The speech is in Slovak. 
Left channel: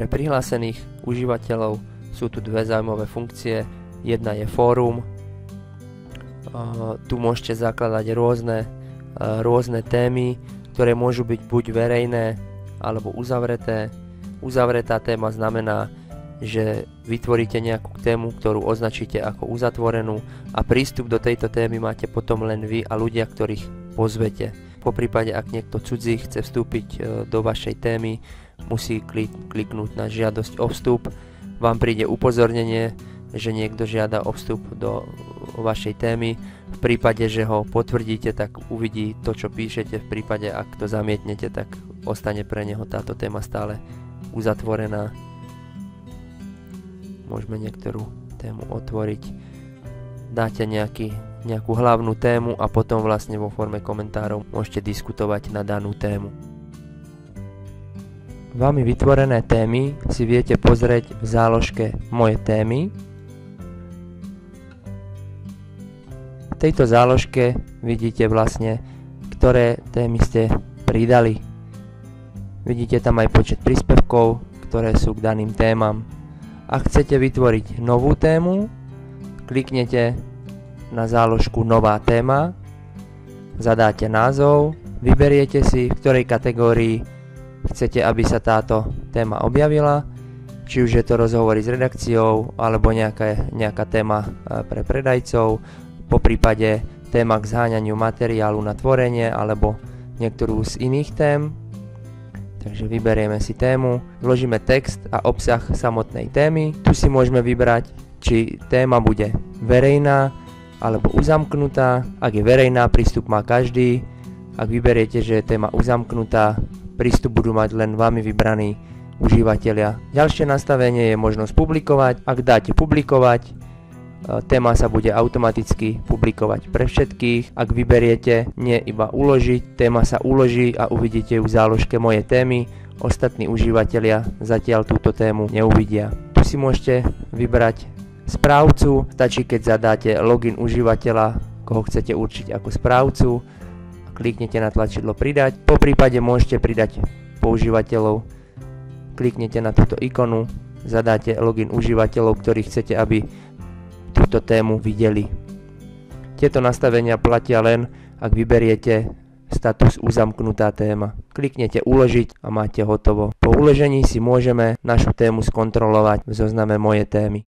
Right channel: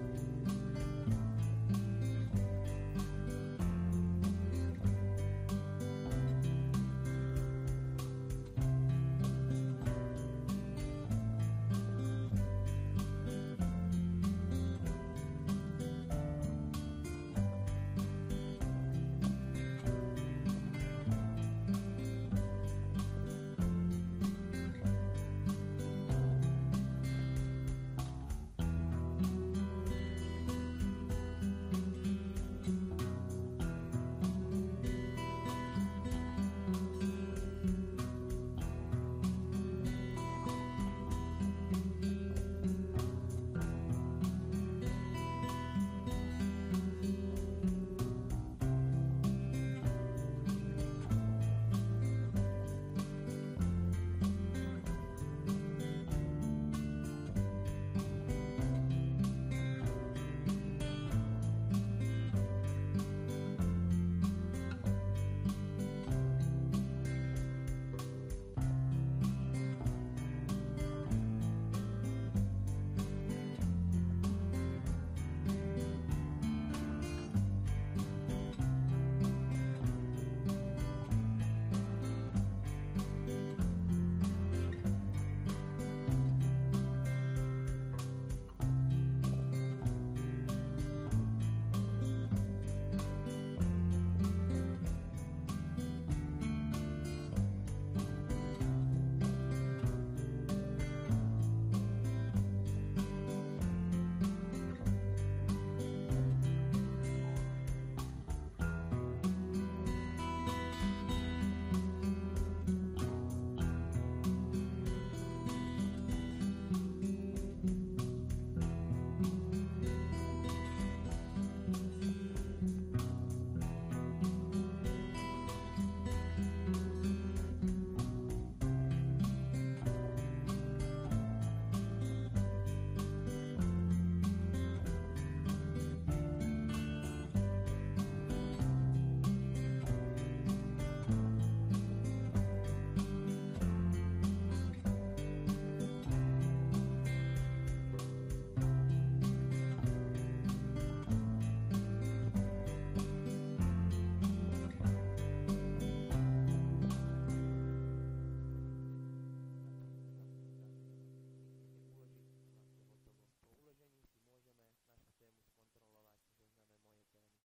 Pre prihlásených užívateľov sú tu dve zaujímavé funkcie. Jedna je fórum. Tu môžete zakladať rôzne témy, ktoré môžu byť buď verejné alebo uzavreté. Uzavretá téma znamená, že vytvoríte nejakú tému, ktorú označíte ako uzatvorenú a prístup do tejto témy máte potom len vy a ľudia, ktorých pozvete. Poprípade, ak niekto cudzí chce vstúpiť do vašej témy, musí kliknúť na žiadosť o vstup. Vám príde upozornenie, že niekto žiada o vstup do vašej témy. V prípade, že ho potvrdíte, tak uvidí to, čo píšete. V prípade, ak to zamietnete, tak ostane pre neho táto téma stále uzatvorená. Môžeme niektorú tému otvoriť. Dáte nejakú hlavnú tému a potom vlastne vo forme komentárov môžete diskutovať na danú tému. Vami vytvorené témy si viete pozrieť v záložke Moje témy. V tejto záložke vidíte vlastne, ktoré témy ste pridali. Vidíte tam aj počet príspevkov, ktoré sú k daným témam. Ak chcete vytvoriť novú tému, kliknete na záložku Nová téma, zadáte názov, vyberiete si, v ktorej kategórii chcete, aby sa táto téma objavila, či už je to rozhovory s redakciou, alebo nejaká téma pre predajcov, poprípade téma k zháňaniu materiálu na tvorenie, alebo niektorú z iných tém. Takže vyberieme si tému, vložíme text a obsah samotnej témy. Tu si môžeme vybrať, či téma bude verejná alebo uzamknutá. Ak je verejná, prístup má každý. Ak vyberiete, že je téma uzamknutá, prístup budú mať len vami vybraní užívateľia. Ďalšie nastavenie je možnosť publikovať. Ak dáte publikovať, téma sa bude automaticky publikovať pre všetkých. Ak vyberiete nie iba uložiť, téma sa uloží a uvidíte ju v záložke Moje témy. Ostatní užívateľia zatiaľ túto tému neuvidia. Tu si môžete vybrať správcu. Stačí, keď zadáte login užívateľa, koho chcete určiť ako správcu. Kliknete na tlačidlo pridať. Po prípade môžete pridať používateľov. Kliknete na túto ikonu, zadáte login užívateľov, ktorých chcete, aby túto tému videli. Tieto nastavenia platia len, ak vyberiete status uzamknutá téma. Kliknete uložiť a máte hotovo. Po uložení si môžeme našu tému skontrolovať v zozname Moje témy.